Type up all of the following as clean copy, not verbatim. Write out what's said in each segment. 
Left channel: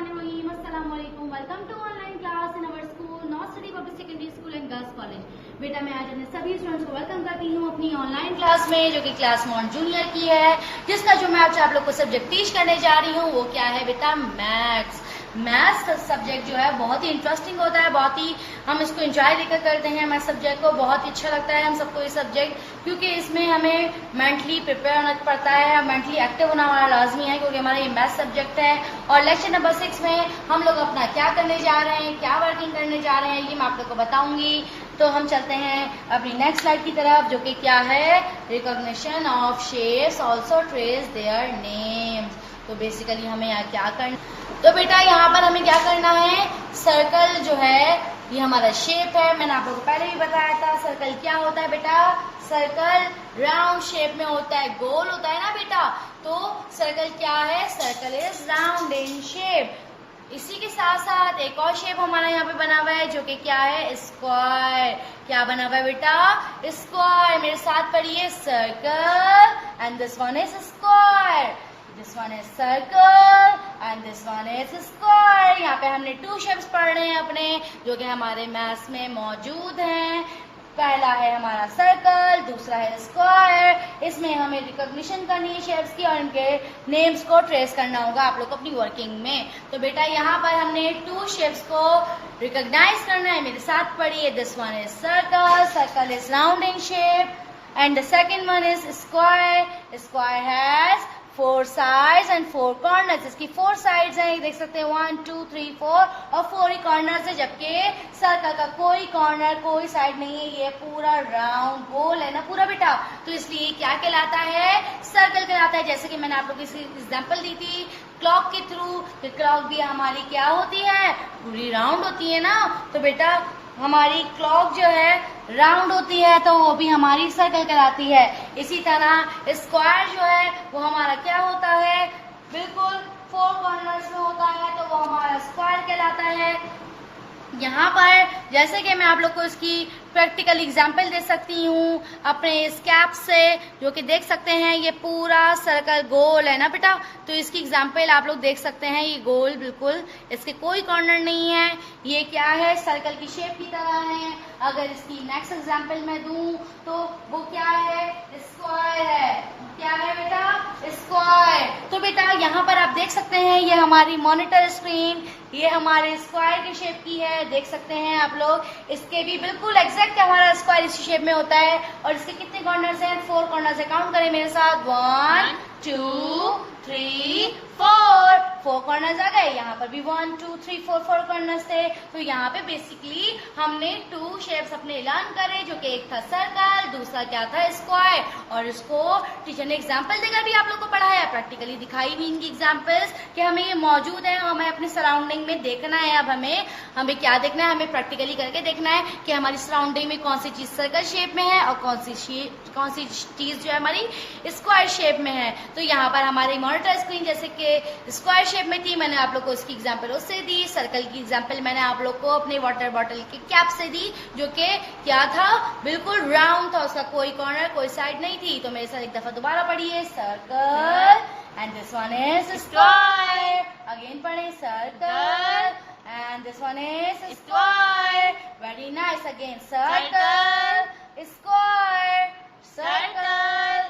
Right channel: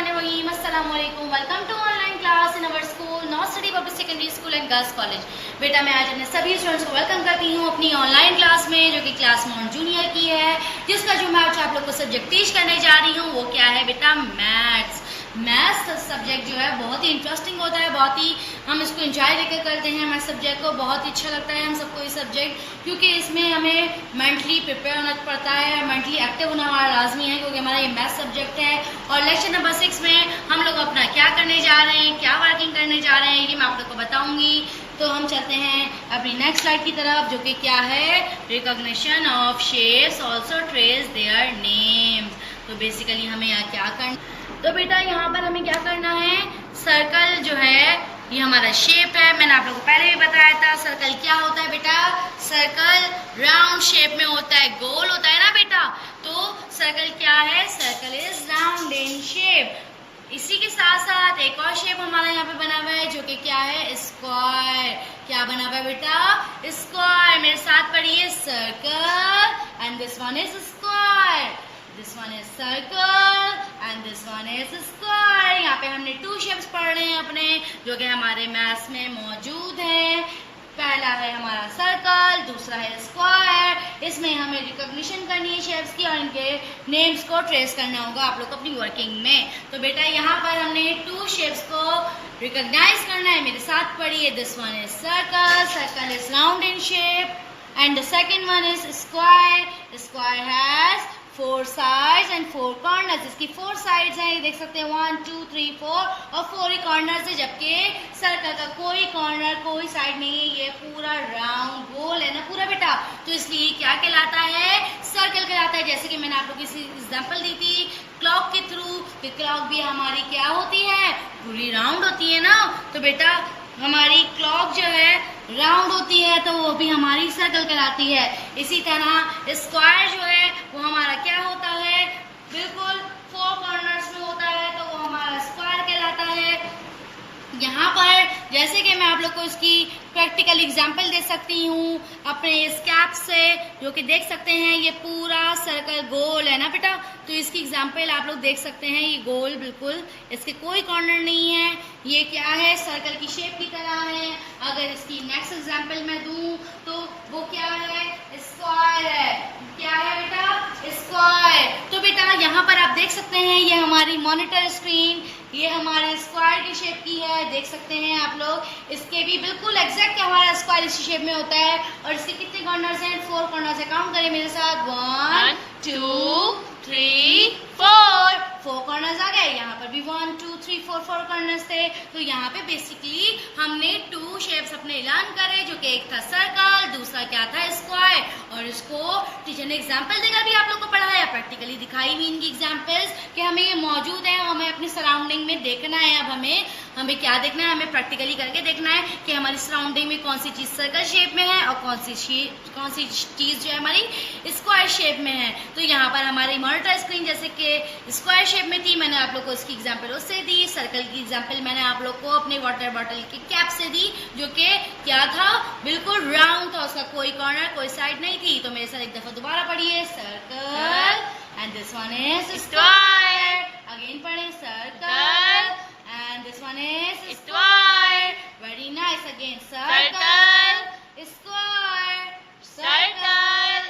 बिस्मिल्लाहिर्रहमानिर्रहीम। अस्सलाम वालेकुम। Welcome to online class in our school north city public secondary school and girls college. बेटा मैं आज अपने सभी स्टूडेंट्स को वेलकम करती हूँ अपनी ऑनलाइन क्लास में, जो कि क्लास नॉन जूनियर की है, जिसका जो मैं आज आप लोग को सब्जेक्ट टीच करने जा रही हूँ वो क्या है बेटा, मैथ्स। मैथ्स सब्जेक्ट जो है बहुत ही इंटरेस्टिंग होता है, बहुत ही हम इसको एंजॉय लेकर करते हैं। मैथ्स सब्जेक्ट को बहुत ही अच्छा लगता है हम सबको ये सब्जेक्ट, क्योंकि इसमें हमें मेंटली प्रिपेयर होना पड़ता है, मेंटली एक्टिव होना हमारा लाजमी है, क्योंकि हमारा ये मैथ्स सब्जेक्ट है। और लेक्चर नंबर 6 में हम लोग अपना क्या करने जा रहे हैं, क्या वर्किंग करने जा रहे हैं, ये मैं आप लोग को बताऊंगी। तो हम चलते हैं अपनी नेक्स्ट स्लाइड की तरफ, जो कि क्या है, recognition of shapes also trace their names. तो बेसिकली हमें यहाँ क्या करना, तो बेटा यहाँ पर हमें क्या करना है, सर्कल जो है ये हमारा शेप है। मैंने आप लोगों को पहले भी बताया था सर्कल क्या होता है बेटा, सर्कल राउंड शेप में होता है, गोल होता है ना बेटा। तो सर्कल क्या है, circle is round in shape. इसी के साथ साथ एक और शेप हमारा यहाँ पे बना हुआ है, जो कि क्या है, स्क्वायर। क्या बना हुआ है बेटा, स्क्वायर। मेरे साथ पढ़िए, circle and this one is square, this one is circle and this one is square. यहाँ पे हमने 2 शेप्स पढ़ रहे हैं अपने, जो कि हमारे मैथ्स में मौजूद हैं। पहला है हमारा सर्कल, दूसरा है स्क्वायर। इसमें हमें रिकॉग्निशन करनी है शेप्स की और इनके नेम्स को ट्रेस करना होगा आप लोग को अपनी वर्किंग में। तो बेटा यहाँ पर हमने 2 शेप्स को रिकॉग्नाइज करना है। मेरे साथ पढ़िए, this one is circle, circle is round in shape, and the second one is square, square has 4 sides and 4 corners। इसकी 4 sides हैं, ये देख सकते हैं, 1 2 3 4 और 4 ही कॉर्नर्स है, जबकि सर्कल का कोई कॉर्नर कोई साइड नहीं है, ये पूरा राउंड गोल है ना पूरा बेटा। तो इसलिए क्या कहलाता है, सर्कल कहलाता है। जैसे कि मैंने आप लोगों को एग्जांपल दी थी क्लॉक के थ्रू, कि क्लॉक भी हमारी क्या होती है, पूरी राउंड होती है ना। तो बेटा हमारी क्लॉक जो है राउंड होती है, तो वो भी हमारी सर्कल कहलाती है। इसी तरह स्क्वायर जो है वो हमारा क्या होता है, बिल्कुल 4 कॉर्नर्स में होता है, तो वो हमारा स्क्वायर कहलाता है। यहाँ पर जैसे कि मैं आप लोग को इसकी प्रैक्टिकल एग्जाम्पल दे सकती हूँ अपने इस कैप से, जो कि देख सकते हैं ये पूरा सर्कल गोल है ना बेटा। तो इसकी एग्जाम्पल आप लोग देख सकते हैं, ये गोल बिल्कुल, इसके कोई कॉर्नर नहीं है, ये क्या है, सर्कल की शेप की तरह है। अगर इसकी नेक्स्ट एग्जाम्पल मैं दूँ तो वो क्या है, स्क्वायर है। क्या है बेटा, स्क्वायर। तो बेटा यहाँ पर आप देख सकते हैं ये हमारी मॉनिटर स्क्रीन, ये हमारे स्क्वायर की शेप की है, देख सकते हैं आप लोग। इसके भी बिल्कुल एग्जैक्ट हमारा स्क्वायर इसी शेप में होता है। और इसके कितने कॉर्नर्स हैं, 4 कॉर्नर्स है। काउंट करें मेरे साथ, 1 2 3 4 कॉर्नर्स आ गए। यहाँ पर भी 1 2 3 4 कॉर्नर्स थे। तो यहाँ पे बेसिकली हमने 2 शेप्स अपने लर्न करे, जो कि एक था सर्कल, दूसरा क्या था, स्क्वायर। और इसको टीचर ने एग्जाम्पल देकर भी आप लोग को पढ़ाया, प्रैक्टिकली दिखाई भी इनकी एग्जाम्पल्स कि हमें ये मौजूद है, हमें अपनी सराउंडिंग में देखना है। अब हमें क्या देखना है, हमें प्रैक्टिकली करके देखना है कि हमारी सराउंडिंग में कौन सी चीज़ सर्कल शेप में है और कौन सी चीज़ जो है हमारी स्क्वायर शेप में है। तो यहाँ पर हमारी मॉनिटर स्क्रीन जैसे कि स्क्वायर शेप में थी, मैंने आप लोग को इसकी एग्जाम्पल उससे दी। सर्कल की एग्जाम्पल मैंने आप लोग को अपने वाटर बॉटल की कैप से दी, जो कि क्या था, बिल्कुल राउंड था, उसका कोई कॉर्नर कोई साइड नहीं थी। तो मेरे साथ एक दफा दोबारा पढ़िए, circle and this one is square. Again पढ़े, circle and this one is square. Very nice. Again, circle, square, circle,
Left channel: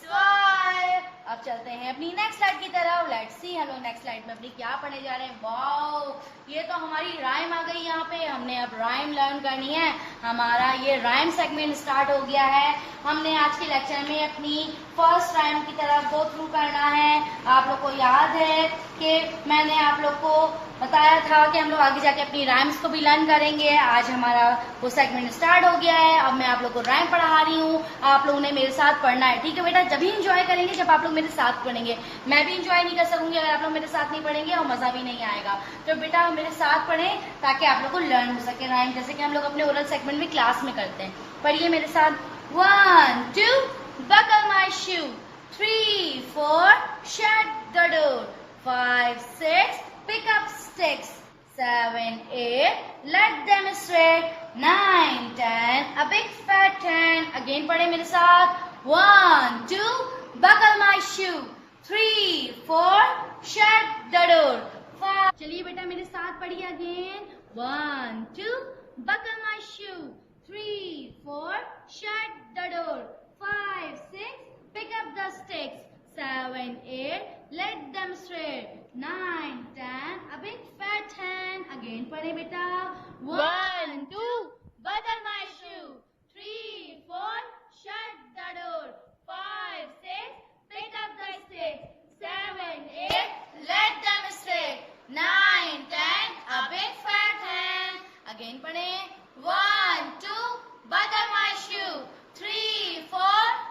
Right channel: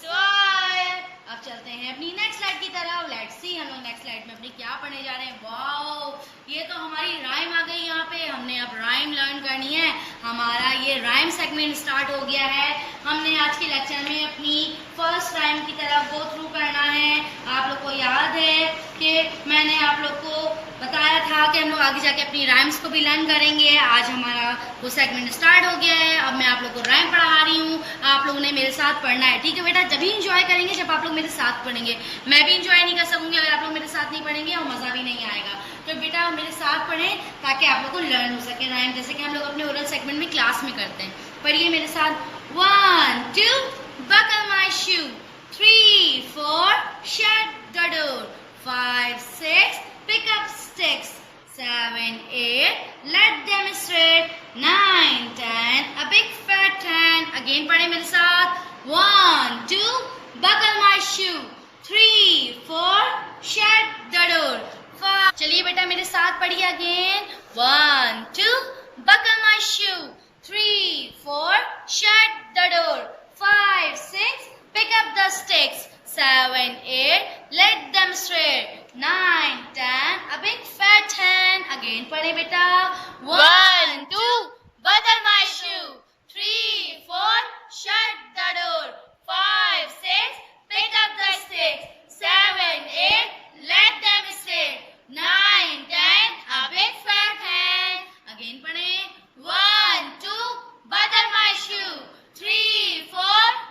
square. अब चलते हैं अपनी नेक्स्ट स्लाइड की तरफ। लेट्स सी हम लोग नेक्स्ट स्लाइड में अपनी क्या पढ़ने जा रहे हैं। वाओ, ये तो हमारी राइम आ गई यहाँ पे। हमने अब राइम लर्न करनी है, हमारा ये राइम सेगमेंट स्टार्ट हो गया है। हमने आज के लेक्चर में अपनी फर्स्ट राइम की तरफ गो थ्रू करना है। आप लोग को याद है कि मैंने आप लोग को बताया था कि हम लोग आगे जाके अपनी राइम्स को भी लर्न करेंगे। आज हमारा वो सेगमेंट स्टार्ट हो गया है। अब मैं आप लोग को राइम पढ़ा रही हूँ, आप लोगों ने मेरे साथ पढ़ना है, ठीक है बेटा। जब भी इंजॉय करेंगे जब आप लोग मेरे साथ पढ़ेंगे, मैं भी इंजॉय नहीं कर सकूंगी अगर आप लोग मेरे साथ नहीं पढ़ेंगे, और मज़ा भी नहीं आएगा। तो बेटा मेरे साथ पढ़ें ताकि आप लोग को लर्न हो सके राइम, जैसे कि हम लोग अपने ओरल सेगमेंट में क्लास में करते हैं। पढ़िए मेरे साथ, 1 2 buckle my shoe, 3 4 shut the door, 5 6 pick up sticks, 7 8 let them straight, 9 10 a big fat hen. Again पढ़े मेरे साथ, 1 2 buckle my shoe, 3 4 shut the door, 5। चलिए 1, 2, buckle my shoe. 3, 4, shut the door. 5, 6, pick up the sticks. 7, 8, let them straight. 9, 10, a big fat hen. Again पढ़े बेटा. 1, 2, buckle my shoe. 3, 4, shut the door. 5, 6, pick up the sticks. 7, 8, let them straight. 9, 10, a big fat hen. Again पढ़े. 1, 2, buckle my shoe. 3, 4,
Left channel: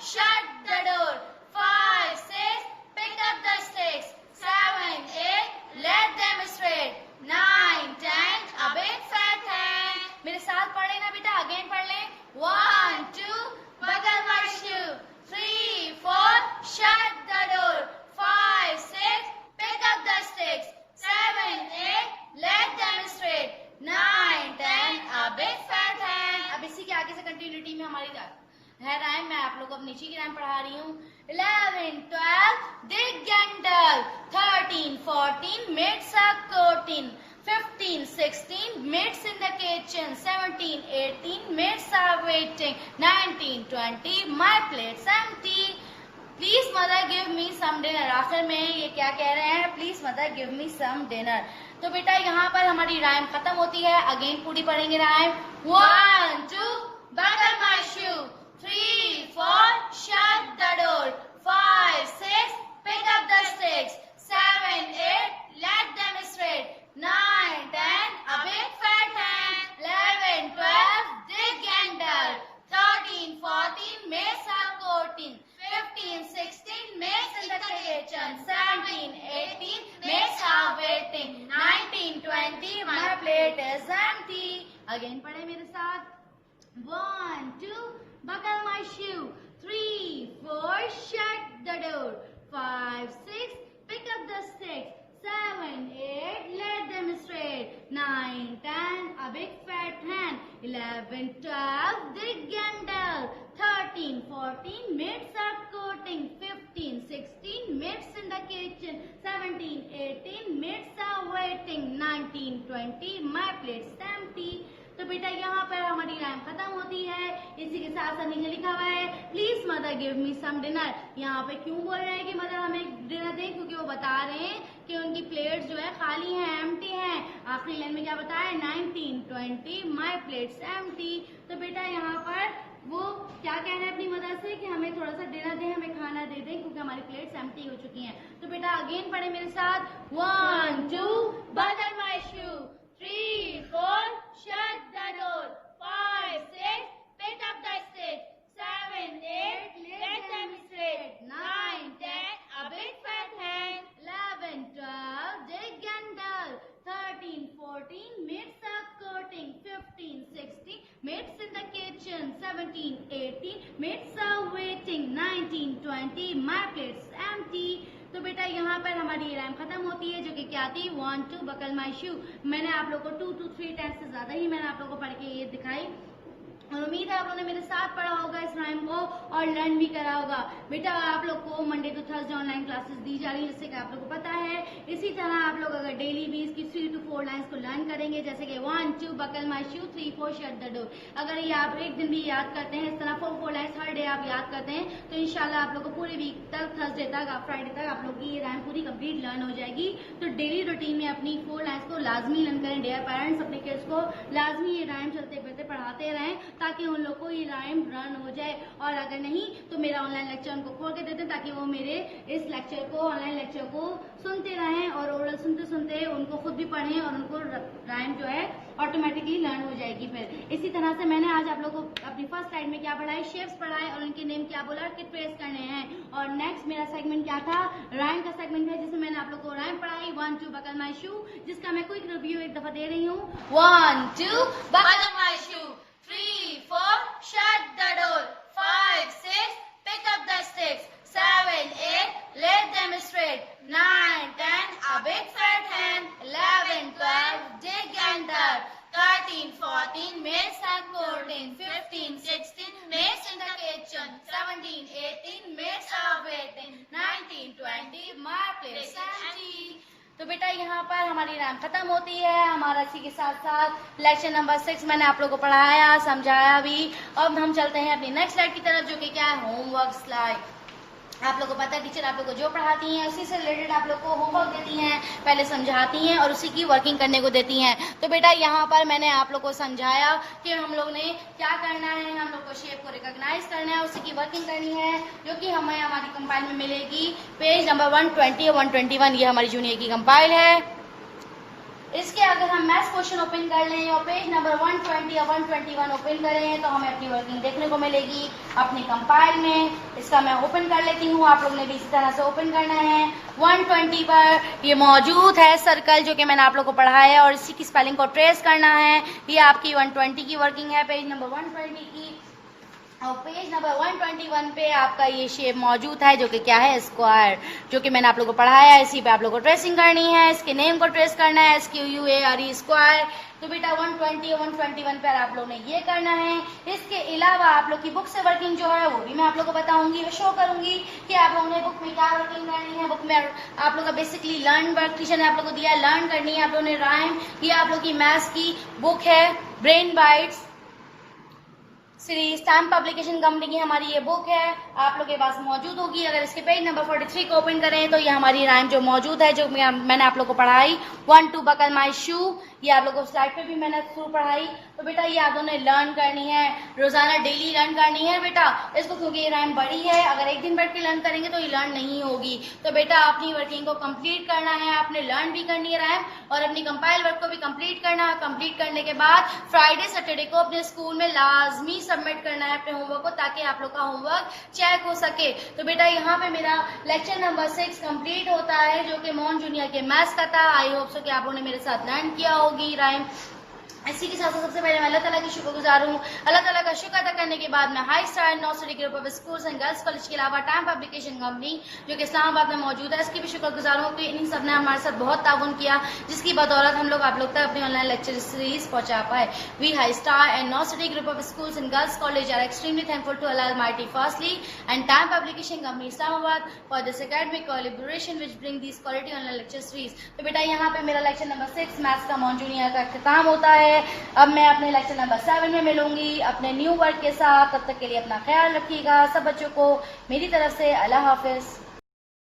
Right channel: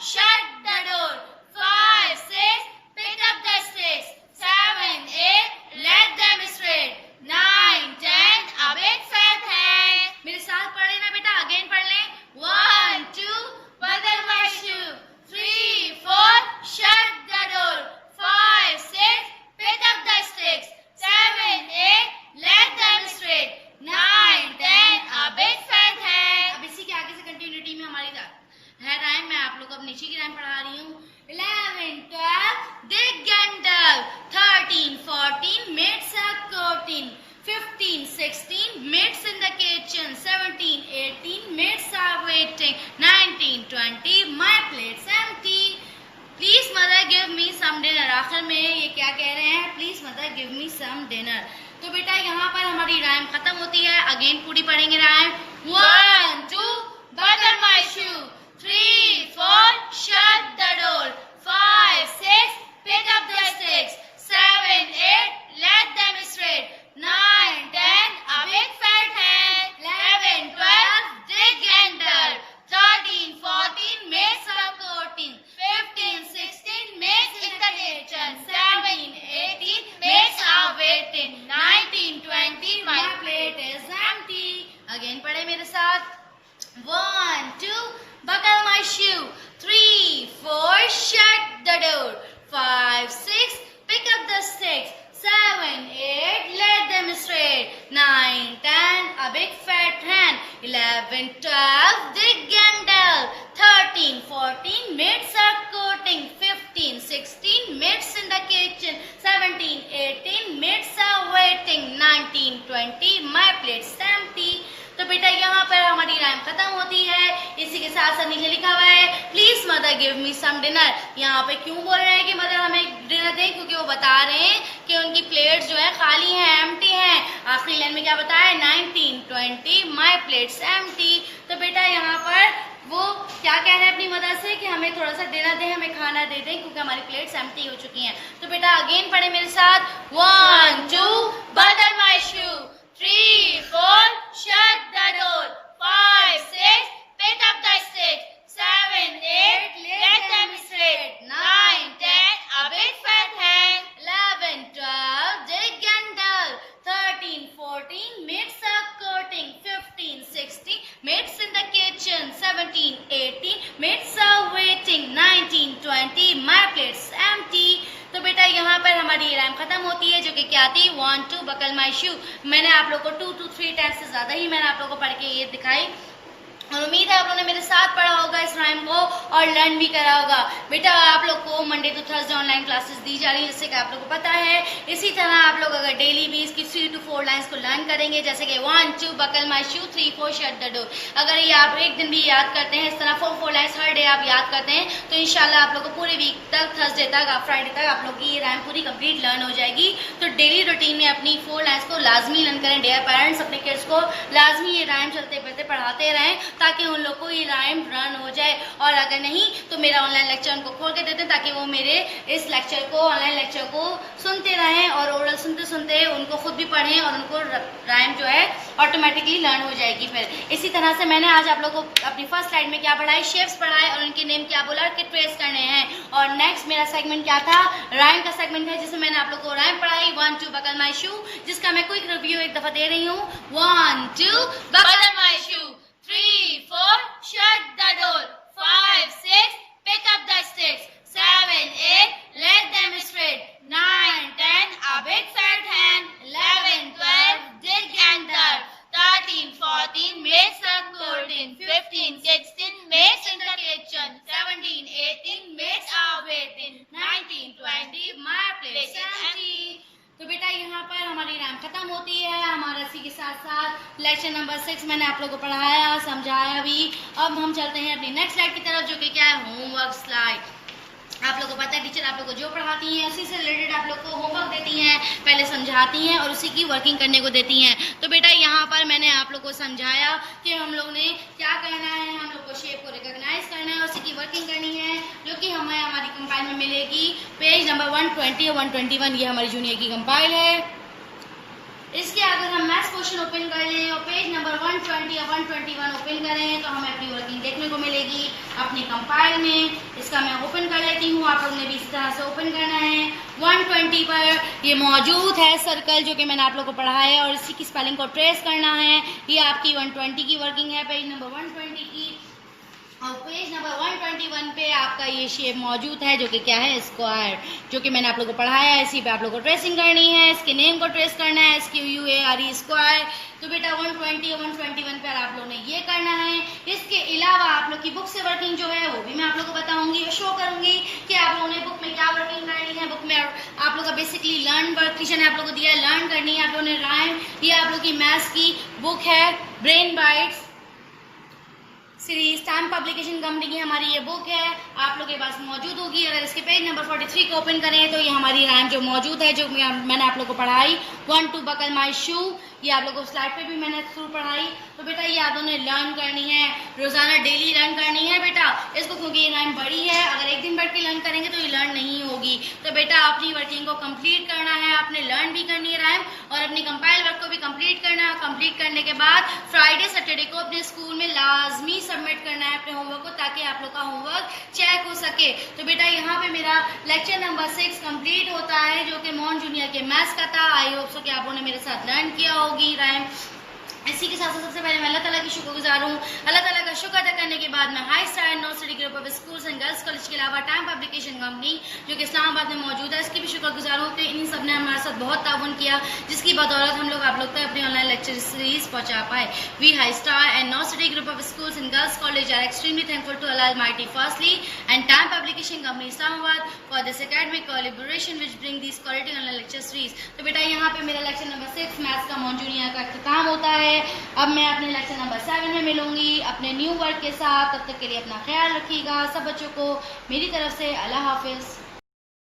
shut the door. 5, 6, pick up the sticks. 7, 8, let them straight. 9, 10, a big fat hen. मेरे साथ पढ़े ना बेटा. Again पढ़ लें. 1, 2, buckle my shoe. 3, 4, shut the door. 5, 6, pick up the sticks. 7, 8, let them straight. 9, 10, a big fat hen. अब इसी के आगे से कंटिन्यूटी में हमारी है राइम. मैं आप लोग को अब नीचे की राइम पढ़ा रही हूँ. 11, 12, dig and dug. 13, 14, mates are courting. 15, 16, mates in the kitchen. 17, 18, mates are waiting. 19, 20, my plate's empty. Please mother give me some dinner. आखिर में ये क्या कह रहे हैं? Please mother give me some dinner. तो बेटा यहाँ पर हमारी राइम खत्म होती है. अगेन पूरी पढ़ेंगे rhyme. 1, 2, buckle my shoe. 3, 4, shut the door. 5, 6, pick up the sticks. 7, 8, let them straight. 9, 10, a big fat hen. 11, 12, dig and dug. 13, 14, mates are courting. 15, 16, mates in the kitchen. 17, 18, mates are waiting. 19, 20, my plate is empty. Again पढ़े मेरे साथ. 1, 2, buckle my shoe. 3, 4, shut the door. 5, 6, pick up the sticks. 7, 8, let them straight. 9, 10, a big fat hen. 11, 12, dig and dug. 13, 14, mates are courting. 15, 16, mates in the kitchen. 17, 18, mates are waiting. 19, 20, my plate's empty. तो बेटा यहाँ पर हमारी rhyme खत्म होती है. इसी के साथ साथ नीचे लिखा हुआ है please mother give me some dinner. यहाँ पे क्यों बोल रहे हैं कि मदर हमें डिनर दें? क्योंकि वो बता रहे हैं कि उनकी प्लेट्स जो है खाली हैं, एम्प्टी हैं. आखिरी लाइन में क्या बताया? 19, 20, माई प्लेट्स एम्प्टी. तो बेटा यहाँ पर वो क्या कह रहे हैं अपनी मदर से कि हमें थोड़ा सा डिनर दें, हमें खाना दे दें क्योंकि हमारी प्लेट्स एम्प्टी हो चुकी हैं. तो बेटा अगेन पढ़े मेरे साथ. 1, 2, buckle my shoe. 3, 4, shut the door. 5, 6, pick up the sticks. 7, 8, let them straight. 9, 10, a big fat hen. 11, 12, dig and dug. 13, 14, mates are courting. 15, 16, mates in the kitchen. 17, 18, mates are waiting. 19, 20, my plate's empty. तो बेटा यहाँ पर हमारी ये rhyme खत्म होती है जो कि क्या थी? 1, 2, buckle my shoe. मैंने आप लोग को 2 to 3 टाइम्स से ज़्यादा ही मैंने आप लोग को पढ़ के ये दिखाई और उम्मीद है आप लोगों ने मेरे साथ पढ़ा होगा इस राइम को और लर्न भी करा होगा. बेटा आप लोग को Monday to Thursday online classes दी जा रही है जैसे कि आप लोग को पता है. इसी तरह आप लोग अगर डेली भी इसकी 3 to 4 लाइन्स को लर्न करेंगे जैसे कि 1, 2, buckle my shoe, 3, 4, shut the door. अगर ये आप एक दिन भी याद करते हैं इस तरह 4 लाइन्स हर डे आप याद करते हैं तो इंशाल्लाह आप लोग को पूरे वीक तक थर्सडे तक फ्राइडे तक आप लोग की ये राइम पूरी कंप्लीट लर्न हो जाएगी. तो डेली रूटीन में अपनी 4 लाइन्स को लाजमी लर्न करें. डियर पेरेंट्स अपने किड्स को लाजमी ये राइम चलते फिरते पढ़ाते रहें ताकि उन लोग को ये राइम रन हो जाए. और अगर नहीं तो मेरा ऑनलाइन लेक्चर उनको खोल के देते हैं ताकि वो मेरे इस लेक्चर को ऑनलाइन लेक्चर को सुनते रहें और ओरल सुनते सुनते उनको खुद भी पढ़ें और उनको राइम जो है ऑटोमेटिकली लर्न हो जाएगी. फिर इसी तरह से मैंने आज आप लोगों को अपनी फर्स्ट स्लाइड में क्या पढ़ाई? शेप्स पढ़ाए और उनके नेम क्या बोला कि ट्रेस करने हैं. और नेक्स्ट मेरा सेगमेंट क्या था? राइम का सेगमेंट है जिसमें मैंने आप लोग को राइम पढ़ाई 1, 2, buckle my shoe जिसका मैं क्विक रिव्यू एक दफा दे रही हूँ. 1, 2, buckle my shoe. 3, 4, shut the door. 5, 6, pick up the sticks. 7, 8, let them straight. 9, 10, a big fat hen. 11, 12, dig and dug. 13, 14, mates are courting. 15, 16, mates in the kitchen. 17, 18, mates are waiting. 19, 20, my place empty. तो बेटा यहाँ पर हमारी time खत्म होती है। हमारा इसी के साथ साथ लेक्चर नंबर 6 मैंने आप लोगों को पढ़ाया, समझाया भी। अब हम चलते हैं अपनी नेक्स्ट स्लाइड की तरफ, जो कि क्या है, होमवर्क स्लाइड। आप लोगों को पता है टीचर आप लोग को जो पढ़ाती हैं उसी से रिलेटेड आप लोग को होमवर्क देती हैं, पहले समझाती हैं और उसी की वर्किंग करने को देती हैं। तो बेटा यहाँ पर मैंने आप लोग को समझाया कि हम लोग ने क्या करना है, हम लोग को शेप को रिकॉग्नाइज करना है, उसी की वर्किंग करनी है, जो कि हमें हमारी कंपाइल में मिलेगी पेज नंबर 120 और 121। ये हमारी जूनियर की कंपाइल है। इसके अगर हम मैथ्स क्वेश्चन ओपन कर लें और पेज नंबर 120 या 121 ओपन करें तो हमें अपनी वर्किंग देखने को मिलेगी अपनी कंपाइल में। इसका मैं ओपन कर लेती हूँ, आप लोग ने भी इसी तरह से ओपन करना है। 120 पर ये मौजूद है सर्कल, जो कि मैंने आप लोग को पढ़ाया है, और इसी की स्पेलिंग को ट्रेस करना है। ये आपकी 120 की वर्किंग है, पेज नंबर 120 की। और पेज नंबर 121 पे आपका ये शेप मौजूद है, जो कि क्या है, स्क्वायर, जो कि मैंने आप लोगों को पढ़ाया है। इसी पे आप लोगों को ट्रेसिंग करनी है, इसके नेम को ट्रेस करना है, SQUARE स्क्वायर। तो बेटा 120 और 121 पर आप लोगों ने ये करना है। इसके अलावा आप लोग की बुक से वर्किंग जो है वो भी मैं आप लोगों को बताऊंगी, शो करूंगी कि आप लोगों ने बुक में क्या वर्किंग करनी है। बुक में आप लोग का बेसिकली लर्न वर्क टीचर ने आप लोगों को दिया है, लर्न करनी है आप लोगों ने राइम। ये आप लोग की मैथ्स की बुक है, brain bytes series, time publication company की हमारी ये बुक है, आप लोग के पास मौजूद होगी। अगर इसके पेज नंबर 43 को ओपन करें तो ये हमारी राइम जो मौजूद है, जो मैंने आप लोग को पढ़ाई, 1 2 बकल माई शू, ये आप लोगों को स्लाइड पे भी मैंने थ्रू पढ़ाई। तो बेटा ये आप लोगों ने लर्न करनी है, रोजाना डेली लर्न करनी है बेटा इसको, क्योंकि ये राइम बड़ी है। अगर एक दिन बैठ के लर्न करेंगे तो ये लर्न नहीं होगी। तो बेटा अपनी वर्किंग को कंप्लीट करना है, आपने लर्न भी करनी है राइम, और अपनी कंपाइल वर्क को भी कंप्लीट करना है। कंप्लीट करने के बाद फ्राइडे सैटरडे को अपने स्कूल में लाजमी सबमिट करना है अपने होमवर्क को, ताकि आप लोग का होमवर्क चेक हो सके। तो बेटा यहाँ पे मेरा लेक्चर नंबर 6 कंप्लीट होता है, जो कि मॉन जूनियर के मैथ्स का था। आई होप सो कि आप लोगों ने मेरे साथ लर्न किया होगी राइम। इसी के साथ सबसे पहले मैं अल्लाह ताला की शुक्रगुजार हूँ। अल्लाह ताला का शुक्र अदा करने के बाद मैं high star north city group of schools and girls college के अलावा टाइम पब्लिकेशन कंपनी जो कि इस्लामाबाद में मौजूद है, इसकी भी शुक्रगुजार हूँ कि इन सब ने हमारे साथ बहुत ताउन किया, जिसकी बदौलत हम लोग आप लोग तक अपनी ऑनलाइन लेक्चर सीरीज पहुँचा पाए। We high star and north city group of schools and girls college are extremely thankful to Allah almighty firstly and time publication company Islamabad for this academic collaboration which bring this quality online lecture series. तो बेटा यहाँ पे मेरा lecture number 6 maths का मॉन junior का इख्तिताम होता है। अब मैं अपने लेक्चर नंबर 7 में मिलूंगी अपने न्यू वर्क के साथ। तब तक के लिए अपना ख्याल रखिएगा। सब बच्चों को मेरी तरफ से अल्लाह हाफिज।